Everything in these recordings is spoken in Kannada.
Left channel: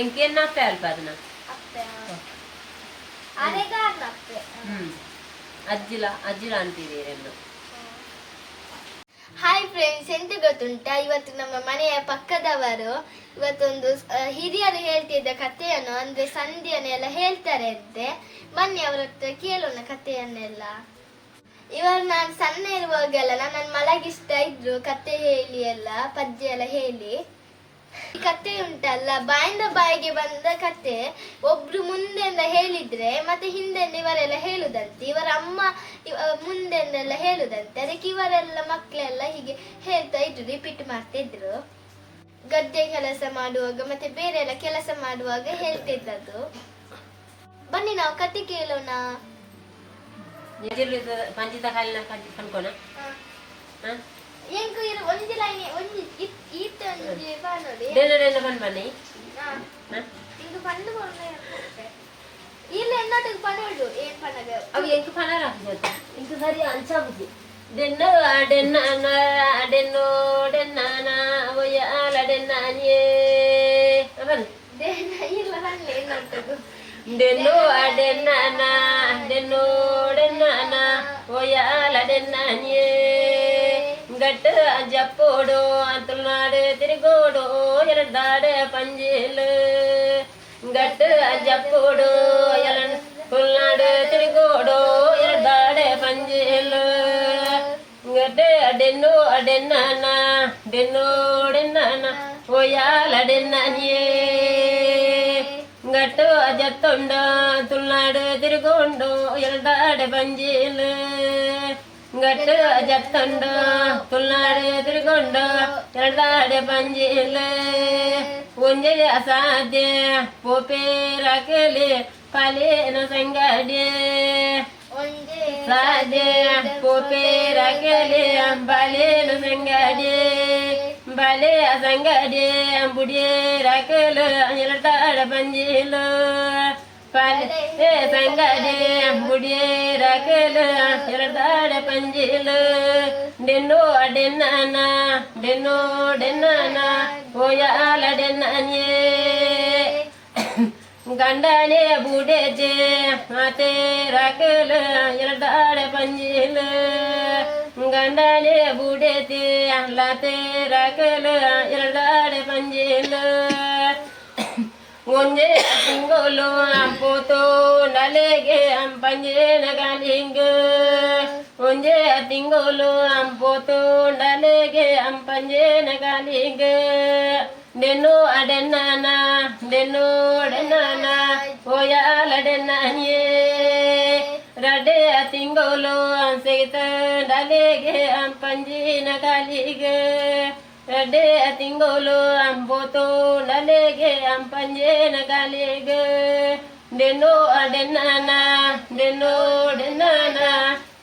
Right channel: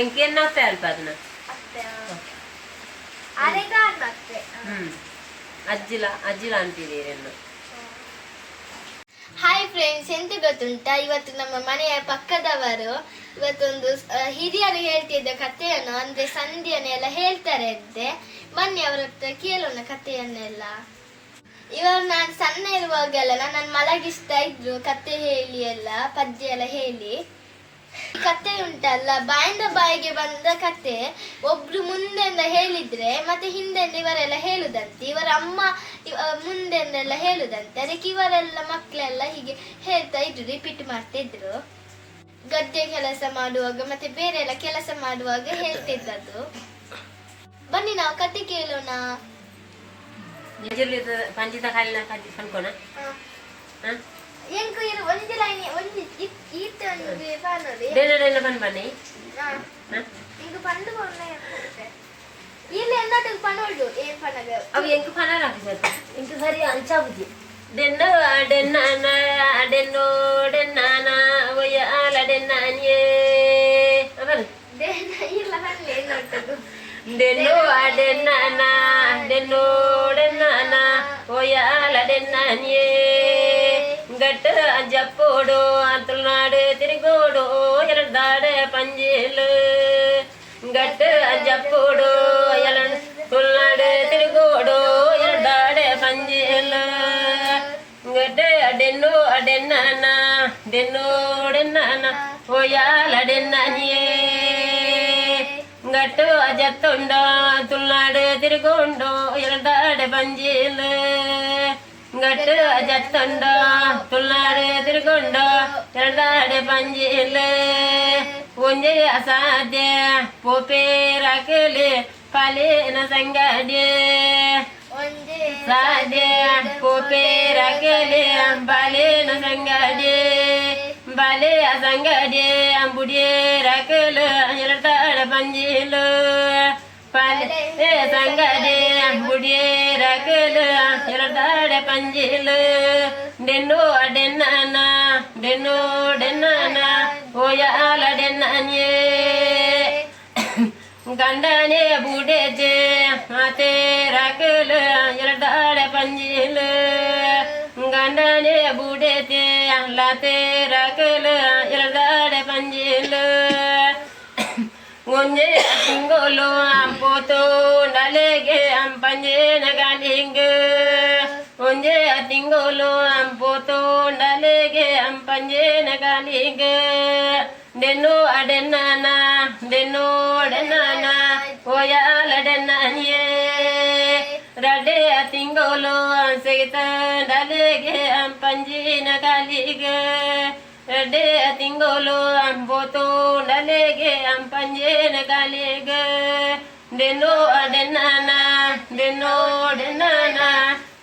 ಎಂಕೇನಾಗ್ತಾ ಅಲ್ಪ ಅದನ್ನ ಅಜ್ಜಿಲ ಅಂತಿದ್ದೀರೇನು. ಹಾಯ್ ಫ್ರೆಂಡ್ಸ್, ಎಂತ ಗೊತ್ತುಂಟಾ, ಇವತ್ತು ನಮ್ಮ ಮನೆಯ ಪಕ್ಕದವರು ಇವತ್ತೊಂದು ಹಿರಿಯರು ಹೇಳ್ತಿದ್ದ ಕಥೆಯನ್ನು ಅಂದ್ರೆ ಸಂಧಿಯನ್ನೆಲ್ಲ ಹೇಳ್ತಾರೆ ಅಂತೆ. ಬನ್ನಿ ಅವ್ರ ಹತ್ರ ಕೇಳೋಣ ಕಥೆಯನ್ನೆಲ್ಲ. ಇವರು ನಾನು ಸಣ್ಣ ಇರುವಾಗೆಲ್ಲ ನನ್ನ ಮಲಗಿಸ್ತಾ ಇದ್ರು ಕತೆ ಹೇಳಿ ಎಲ್ಲ ಪದ್ಯ ಎಲ್ಲ ಹೇಳಿ. ಕತೆ ಉಂಟಲ್ಲ, ಬಾಯಿಂದ ಬಾಯಿಗೆ ಬಂದ ಕತೆ ಒಬ್ರು ಮುಂದೆಂದ ಹೇಳಿದ್ರೆ ಮತ್ತೆ ಹಿಂದೆಂದ ಇವರೆಲ್ಲ ಹೇಳುದಂತೆ, ಇವರ ಅಮ್ಮ ಮುಂದೆಂದೆಲ್ಲ ಹೇಳುದಂತೆ. ಅದಕ್ಕೆ ಇವರೆಲ್ಲ ಮಕ್ಕಳೆಲ್ಲ ಹೀಗೆ ಹೇಳ್ತಾ ಇದ್ರು, ರಿಪೀಟ್ ಮಾಡ್ತಾ ಇದ್ರು. ಗದ್ದೆ ಕೆಲಸ ಮಾಡುವಾಗ ಮತ್ತೆ ಬೇರೆ ಎಲ್ಲ ಕೆಲಸ ಮಾಡುವಾಗ ಹೇಳ್ತಿದ್ದದ್ದು. ಬನ್ನಿ ನಾವು ಕತೆ ಕೇಳೋಣ. ಪಂಚಿತ ಕಾಲಿನ ಕಣ್ಕೋಣ. ಎಂಕು ಇರು ಒಂದು ಲೈನ್ ಒಂದು ಈತ ಒಂದು ಪಾನೋಡಿ ದೇನ ಬನ್ ಬನ್ನಿ ಇಂಕು ಪಂಡು ಕೊನೆ ಇಲ್ಲ ಎಂದಟು ಪನೋಡು ಏನ್ ಪನಗ ಅವು ಎಂಕು ಪನ ರಾಕಿಸತ ಇಂಕು ಸರಿ ಅಂಚಾಬುಜಿ ದೆನ್ನ ಡೆನ್ನ ಡೆನ್ನೋ ಡೆನ್ನನ ಒಯ್ಯಾಲ ಡೆನ್ನನ್ಯೇ ಅವನ್ ದೇನ ಇಲ್ಲ ಬನ್ನಿ ಎಂದಟು ದೆನ್ನೋ ಡೆನ್ನನ ದೆನ್ನೋ ಡೆನ್ನನ ಒಯ್ಯಾಲ ಡೆನ್ನನ್ಯೇ ಗಟ್ಟ ಜಪ್ಪೋಡು ತುಳುನಾಡು ತಿರುಗೋಡು ಎರಡಾಡೆ ಪಂಜೇಲು ಗಟ್ಟ ಜಪ್ಪೋಡು ತುಳುನಾಡು ತಿರುಗೋಡು ಎರಡಾಡೆ ಪಂಜೇಲು ಗಟ್ಟ ಡೆನ್ನು ಡೆನ್ನನ ಡೆನ್ನು ಡೆನ್ನನ ಓಯಾಲ ಡೆನ್ನನಿಯೇ ಗಟ್ಟು ಜತ್ತೊಂಡ ತುಳುನಾಡು ತಿರುಗೋಂಡು ಎರಡಾಡೆ ಪಂಜೇಲು ಗಟ್ಟು ಜತ್ತೊಂಡ ತುಳುನಾಡು ತಿರುಗೊಂಡ ಎರಡಾಡೆ ಪಂಜೇಲ ಒಂಜೆ ಅಸಾಧ್ಯ ಪೋಪೇರಾಕಲೆ ಪಾಲೇನ ಸಂಗಡ್ಯ ಸಾಧ್ಯ ಪೋಪೇರಾಕಲೆ ಬಾಲೇನ ಸಂಗಡ್ಯ ಬಾಲೆ ಸಂಗಡ್ಯ ಬುಡಿಯೇರಾಕಲ ಎರಡಾಡೆ ಪಂಜೇಲ ಪಾಲೆ ಸಂಗಡೆ ಬುಡಿಯೇರಾಕಲ ಎರಡಾಡೆ ಪಂಜೇಲ ಡೆನ್ನೋ ಡೆನ್ನನ ಡೆನ್ನೋ ಡೆನ್ನನ ಓಯಾಲ ಡೆನ್ನನ್ಯೇ ಗಂಡನೆ ಬುಡೆಜೆ ಮಾತೇರಾಕಲ ಎರಡಾಡೆ ಪಂಜೇಲ ಗಂಡನೆ ಬುಡೆಜೆ ಲಾತೇರಾಕಲ ಎರಡಾಡೆ ಪಂಜೇಲ ಒಂಜೆ ತಿಂಗೋಲು ಪೋತು ನಲೆಗೆ ಪಂಜೇನ ಗಾಲಿಂಗ ಒಂಜೆ ತಿಂಗೋಲು ಪೋತು ನಲೆಗೆ ಪಂಜೇನ ಗಾಲಿಂಗ ಡೆನ್ನು ಅಡೆನ್ನನ ಡೆನ್ನು ಡೆನ್ನನ ಓಯಾಲ ಡೆನ್ನನಿಯೇ ರಡೆ ತಿಂಗೋಲು ಸಹಿತ ನಲೆಗೆ ಪಂಜೇನ ಗಾಲಿಗ ಡೆ ತಿಂಗೋಲು ಅಂಬೋತು ನಲೆಗೆ ಪಂಜೇನ ಗಾಲಿಗ ಡೆನ್ನೋ ಡೆನ್ನನ ಡೆನ್ನೋ ಡೆನ್ನನ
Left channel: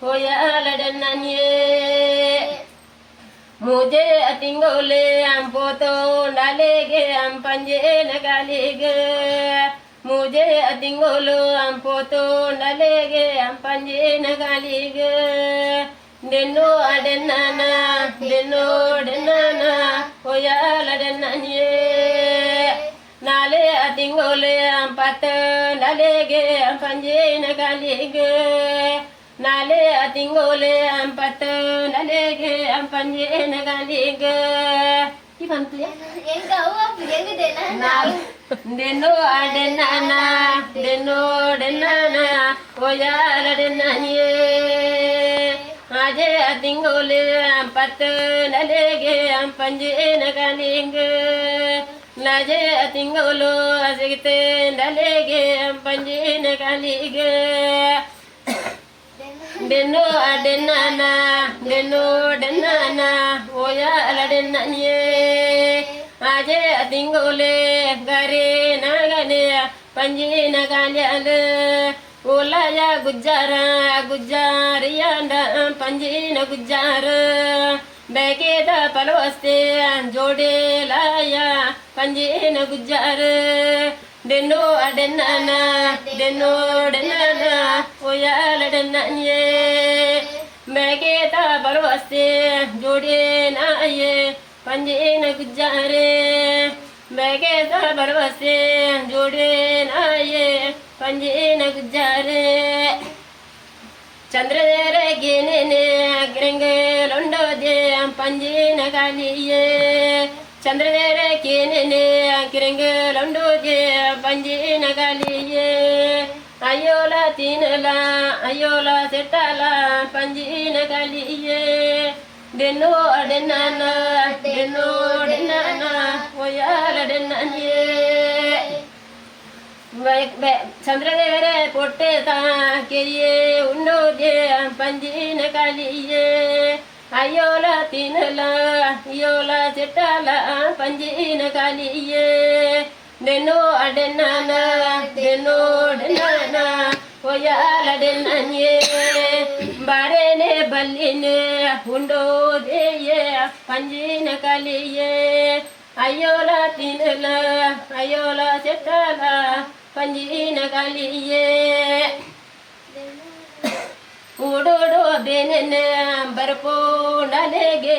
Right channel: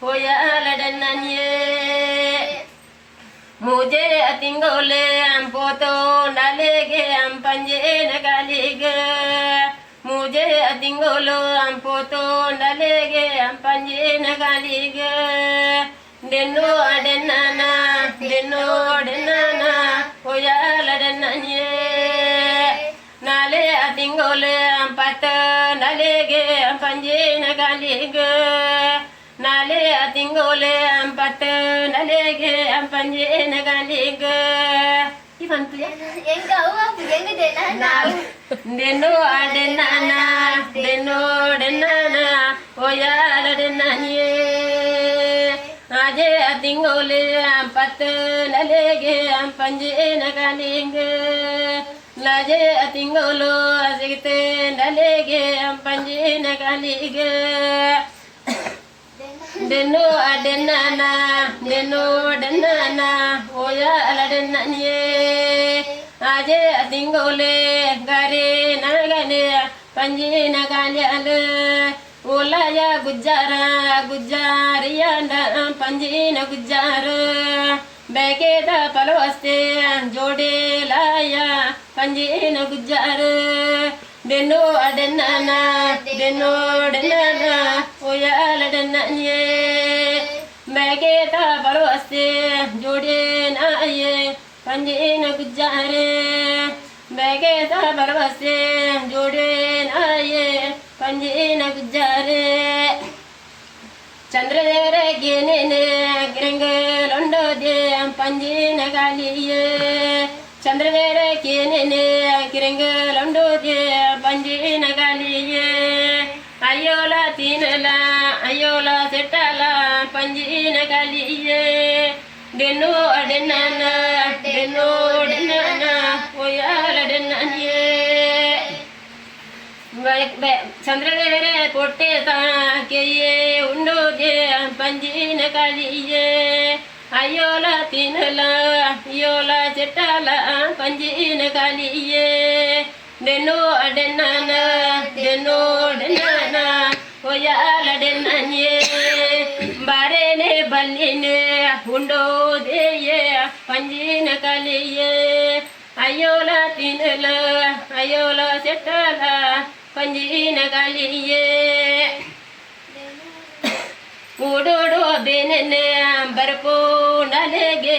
ಓಯಾಲ ಡೆನ್ನನಿಯೇ ಮುಜೆ ತಿಂಗೋಲೆ ಅಂಬೋತು ನಲೆಗೆ ಪಂಜೇನ ಗಾಲಿಗ ಮುಜೆ ತಿಂಗೋಲು ಅಂಬೋತು ನಲೆಗೆ ಪಂಜೇನ ಗಾಲಿಗ ಡೆನ್ನು ಡೆನ್ನನ ಡೆನ್ನು ಡೆನ್ನನ ಓಯಾಲ ಡೆನ್ನನಿಯೇ ನಾಲೆ ತಿಂಗೋಲೆ ಪತ್ತ ನಲೆಗೆ ಪಂಜೇನ ಗಾಲಿಗ ನಾಲೆ ತಿಂಗೋಲೆ ಪತ್ತ ನಲೆಗೆ ಪಂಜೇನ ಗಾಲಿಗ ಇವಂತು ಎಂಗ ಅವ್ವ ಎಂಗ ಡೆನ್ನು ಡೆನ್ನನ ಡೆನ್ನು ಡೆನ್ನನ ಓಯಾಲ ಡೆನ್ನನಿಯೇ ಆಜೆ ತಿಂಗೋಲೆ ಪತ್ತ ನಲೆಗೆ ಪಂಜೇನ ಗಾಲಿಂಗ ಲಾಜೆ ತಿಂಗೋಲು ಸಿಗತೆ ನಲೆಗೆ ಪಂಜೇನ ಗಾಲಿಗ ಡೆನ್ನು ಡೆನ್ನನ ಡೆನ್ನು ಡೆನ್ನನ ಓಯಾಲ ಡೆನ್ನನಿಯೇ ಆಜೆ ತಿಂಗೋಲೆ ಗರೆ ನಗನೆ ಪಂಜೇನ ಗಾಲ್ಯಾಲ ಓಲಾಯ ಗುಜ್ಜಾರ ಗುಜ್ಜಾರಿಯಾಂಡ ಪಂಜೇನ ಗುಜ್ಜಾರ ಬೇಗೇದ ಪಲವಸ್ತೆ ಜೋಡೇಲಾಯ ಪಂಜೇನ ಗುಜ್ಜಾರ ಡೆನ್ನೋ ಡೆನ್ನನ ಡೆನ್ನೋ ಡೆನ್ನನ ಓಯಾಲ ಡೆನ್ನನಿಯೇ ಬೇಗೇದ ಪಲವಸ್ತೆ ಜೋಡೇನಾಯೇ ಪಂಜೇನ ಗುಜ್ಜಾರ ಬೇಗೇದ ಪಲವಸ್ತೆ ಜೋಡೆ ನಾಯೇ ಪಂಜಿನ ಗುಜ್ಜಾರೆ ಚಂದ್ರದೇರ ಗೇನೇನೆ ಗಿರಂಗಲೊಂಡೋದೆ ಪಂಜಿನ ಗಾಲಿಯೇ ಚಂದ್ರದೇರ ಕೇನೇನೆ ಗಿರಂಗಲೊಂಡೋದೆ ಪಂಜಿನ ಗಾಲಿಯೇ ಅಯ್ಯೋಲ ತೀನಲ ಅಯ್ಯೋಲ ಸೆಟ್ಟಲ ಪಂಜಿನ ಗಾಲಿಯೇ ಡೆನ್ನೋ ಅಡೆನ್ನನ ಡೆನ್ನೋ ಡೆನ್ನನ ಒಯ್ಯಾಲ ಡೆನ್ನನಿಯೇ ಚಂದ್ರದೇರೆ ಕೊಟ್ಟೆ ತಾಕೆಯೇ ಉಂಡೋಗೆ ಪಂಜಿನ ಕಾಲಿಯೇ ಅಯ್ಯೋಲ ತಿನ್ನಲ ಅಯ್ಯೋಲ ಚೆಟ್ಟಲ ಪಂಜಿನ ಕಾಲಿಯೇ ಡೆನ್ನೋ ಅಡೆನ್ನನ ಡೆನ್ನೋ ಡೆನ್ನನ ಒಯ್ಯಾಲ ಡೆನ್ನನಿಯೇ ಬಾರೇನೆ ಬಲ್ಲಿನೆ ಉಂಡೋದೆಯೇ ಪಂಜಿನ ಕಾಲಿಯೇ ಅಯ್ಯೋಲ ತಿನ್ನಲ ಅಯ್ಯೋಲ ಚೆಟ್ಟಲ ಪಂಜಿನ ಗಾಲಿಯೇ ಓಡೋಡೋ ಬೇನೆನೆ ಬರ್ಪೋ ನಲೆಗೆ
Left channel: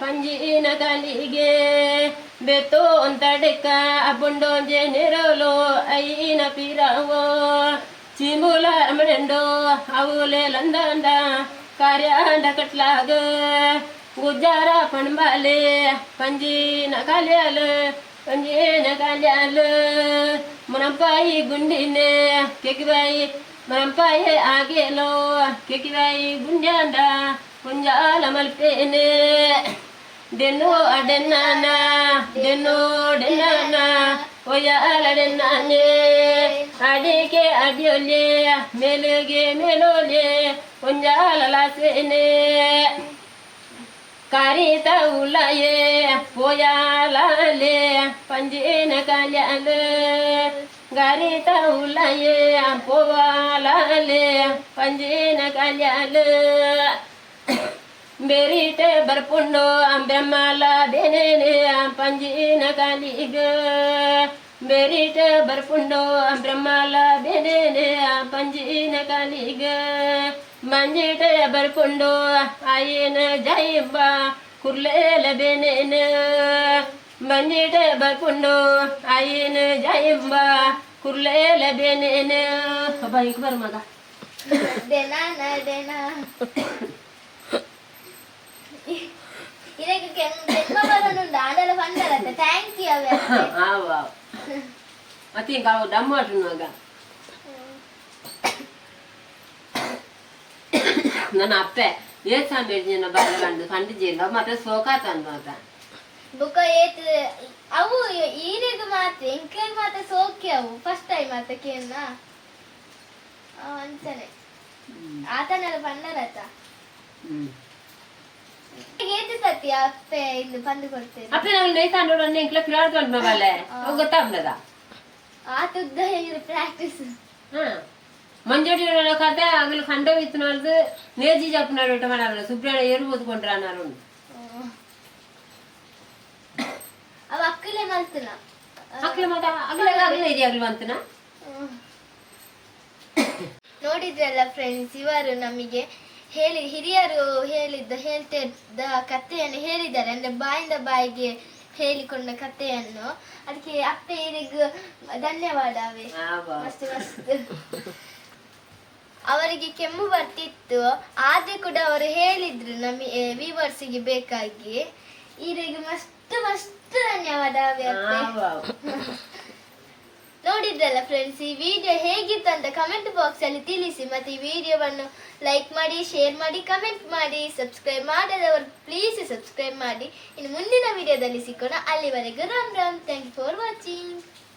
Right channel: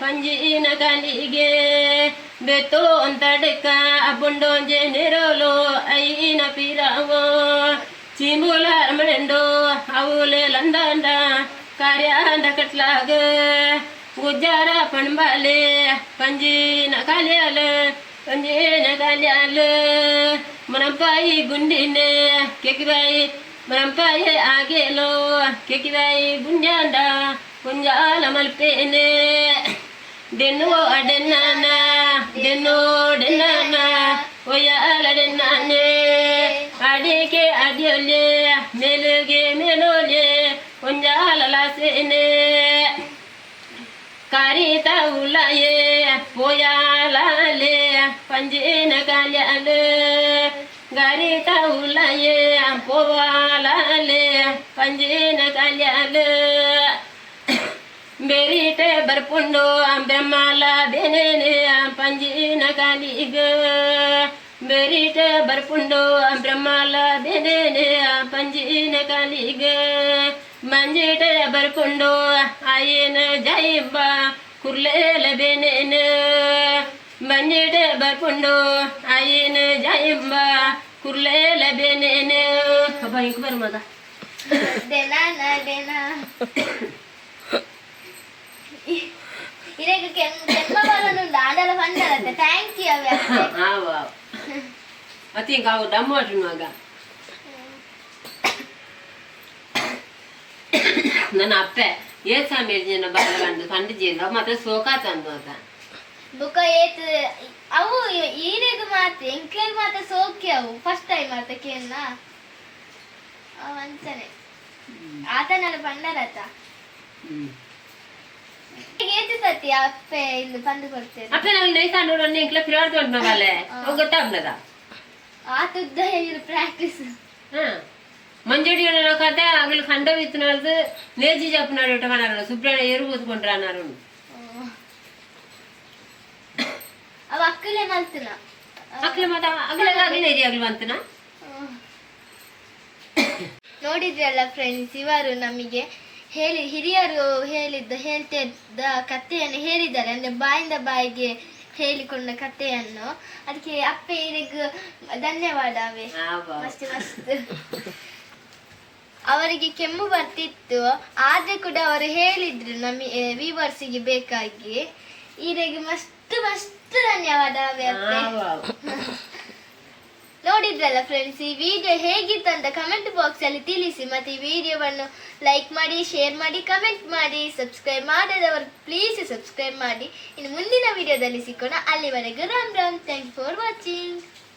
ಪಂಜಿನ ಗಾಲಿಗೆ ಬೆತ್ತೋ ಅಂತಡಕ ಅಬ್ಬುಂಡೋಂಜೆ ನೆರೋಲೋ ಐನ ಪಿರಾವೋ ಚಿಂಬುಲ ರಮಣೆಂಡೋ ಅವಲೆ ಲಂದಂಡ ಕಾರ್ಯಾಂಡ ಕಟ್ಲಾಗ ಗುಜ್ಜಾರ ಪಣ್ಬಾಲೆ ಪಂಜಿನ ಕಾಲ್ಯಾಲ ಪಂಜಿನ ಕಾಲ್ಯಾಲ ಮನಂಪಾಯಿ ಗುಂಡಿನೆ ಕೆಕಿದಾಯಿ ಮನಂಪಾಯಿ ಆಗೇಲೋ ಕೆಕಿದಾಯಿ ಗುಂಡ್ಯಾಂಡ ಗುಂಜಾಲ ಮಲ್ಪೇನೆ ಡೆನ್ನೋ ಅಡೆನ್ನಾನ ಡೆನ್ನೋ ಡೆನ್ನಾನ ಒಯ್ಯಾಲ ಡೆನ್ನಾನೆ ಅಡಿಕೆ ಅಡಿಯೊಲೆ ಮೇಲುಗೆ ಮೇಲೋಲೆ ಗುಂಜಾಲ ಲಾಸೇನೆ ಕಾರಿತ ಉಲಾಯೇ ಪೋಯಾಲಾಲೆ ಪಂಜಿನ ಕಾಲ್ಯಾಲ ಗಾರಿತ ಉಲಾಯೇ ಪೋವಾಲಾಲೆ ಪಂಜಿನ ಕಾಲ್ಯಾಲ ಬೇರಿಟೆ ಬರ್ಪುಂಡೋ ಬ್ರಹ್ಮಾಲ ಬೇನೇನೆ ಪಂಜಿನ ಕಾಲಿಗ ಬೇರಿಟೆ ಬರ್ಪುಂಡೋ ಬ್ರಹ್ಮಾಲ ಬೇನೇನೆ ಪಂಜಿನ ಕಾಲಿಗ ಮಂಜಿಟ ಬರ್ಕೊಂಡು ಆಯೇನ ಜೈಬ ಕುರ್ಲೇಲ ಬೇನೇನ ಮಂಜಿಟ ಬರ್ಕೊಂಡು ಆಯೇನ ಜೈಬ ಕುರ್ಲೇಲ ಬೇನೇನ ಅಬ್ಬ ಹಿಂಗೆ ಬರು ಮಗ ದೇನಾನ ದೇನಾ ಇದಕ್ಕೆ ಜನ್ಮ ಬರೋನುಂಡು ಆಡಲ ಬಂದರತ್ತೆ ಥ್ಯಾಂಕ್ ಯು ಅವೇ ಆವ ಅತಿ ಹಿಂಗೆ ಅವು ಡಮ್ಮು ಅಟ್ರು ಮಗ ನನ್ನ ಅಪ್ಪೆ ಏತ್ ಸಾಮೇರ್ಜಿನ ಬಾಳಗಂಡು ಕಂಡಿಜಿಲ್ಲ ಮತ್ತೆ ಸೋಕಾತ ಅನ್ಮಾತ ಬುಕ್ಕ ಏತ್ ಅವು ಈರೆಗ್ ಮಾತ್ರ ಎಂಕ್ಲೆಗ್ ಮಾತ್ರ ಸೋಕೆ ಅವು ಫಸ್ಟ್ ಟೈಮ್ ಮಾತ್ರ ಕೇಳ್ನ ಅಂತಾನೆ ಆತನೆಲ್ಲ ಪಂಡರತ ಏತ್ ಸತಿ ಅಪ್ಪೆ ಇಲ್ಲಿ ಬಂದು ಕೊಡ್ತೇನೆ ಅಪ್ಪೆ ನಾವು ನೈಸ್ ಆಡೋಣ ಎಂಕ್ಲೆ ಫಿರಾಡ್ ತೊಂಡ್ ಮಗಲೆ ಅವು ಗೊತ್ತಾಗ್ಲದ ಆತುದ್ದ ಹೇಳಿದ್ರು ಪ್ರಾಕ್ಟೀಸ್ ಮಂಜಡಿ ಕತೆ ಆಗಲಿ ಖಂಡೋ ಇತ್ತು ನೇಜಿ చెప్పినాడు మన సుబ్రణ ఎరు పోసుకుంటారు అన్నారు ಅವ ಅಕ್ಕಲೆ ಮಲ್ತನ ಅಕ್ಕಲೆ ಮಾತ ಅಗಲಗಾಗಿ ನೇಜಿ ಆಗಲಿ ಬಂತನ ನೋಡಿದ್ರಲ್ಲ ಫ್ರೆಂಡ್ಸ್ ಇವರು ನಮಗೆ ಹಿರಿಯರು ಹೇಳ್ತಿದ್ದ ಕಥೆಯನ್ನು ಹೇಳಿದ್ದಾರೆ ಅಂದ್ರೆ ಬಾಯಿಂದ ಬಾಯಿಗೆ ಹೇಳಿಕೊಂಡ ಕಥೆಯನ್ನು ಅದಕ್ಕೆ ಅಪ್ಪೆ ಇವರಿಗೆ ಧನ್ಯವಾದವೇ ಮಸ್ತ್ ಮಸ್ತ್ ಅವರಿಗೆ ಕೆಮ್ಮು ಬರ್ತಿತ್ತು ಆದ್ರೆ ಕೂಡ ಅವರು ಹೇಳಿದ್ರು ನಮಗೆ ವ್ಯೂವರ್ಸಿಗೆ ಬೇಕಾಗಿ ಇವರಿಗೆ ಮಸ್ತ್ ಮಸ್ತ್ ಧನ್ಯವಾದವೇ ಅಪ್ಪೆ ನೋಡಿದ್ರಲ್ಲ ಫ್ರೆಂಡ್ಸ್ ಈ ವಿಡಿಯೋ ಹೇಗಿತ್ತು ಅಂತ ಕಮೆಂಟ್ ಬಾಕ್ಸ್ ಅಲ್ಲಿ ತಿಳಿಸಿ ಮತ್ತೆ ಈ ವಿಡಿಯೋವನ್ನು ಲೈಕ್ ಮಾಡಿ ಶೇರ್ ಮಾಡಿ ಕಮೆಂಟ್ ಮಾಡಿ ಸಬ್ಸ್ಕ್ರೈಬ್ ಮಾಡದವರು ಪ್ಲೀಸ್ ಸಬ್ಸ್ಕ್ರೈಬ್ ಮಾಡಿ ಇನ್ನು ಮುಂದಿನ ವಿಡಿಯೋದಲ್ಲಿ ಸಿಕ್ಕೋಣ ಅಲ್ಲಿವರೆಗೂ Ram Ram thank you for watching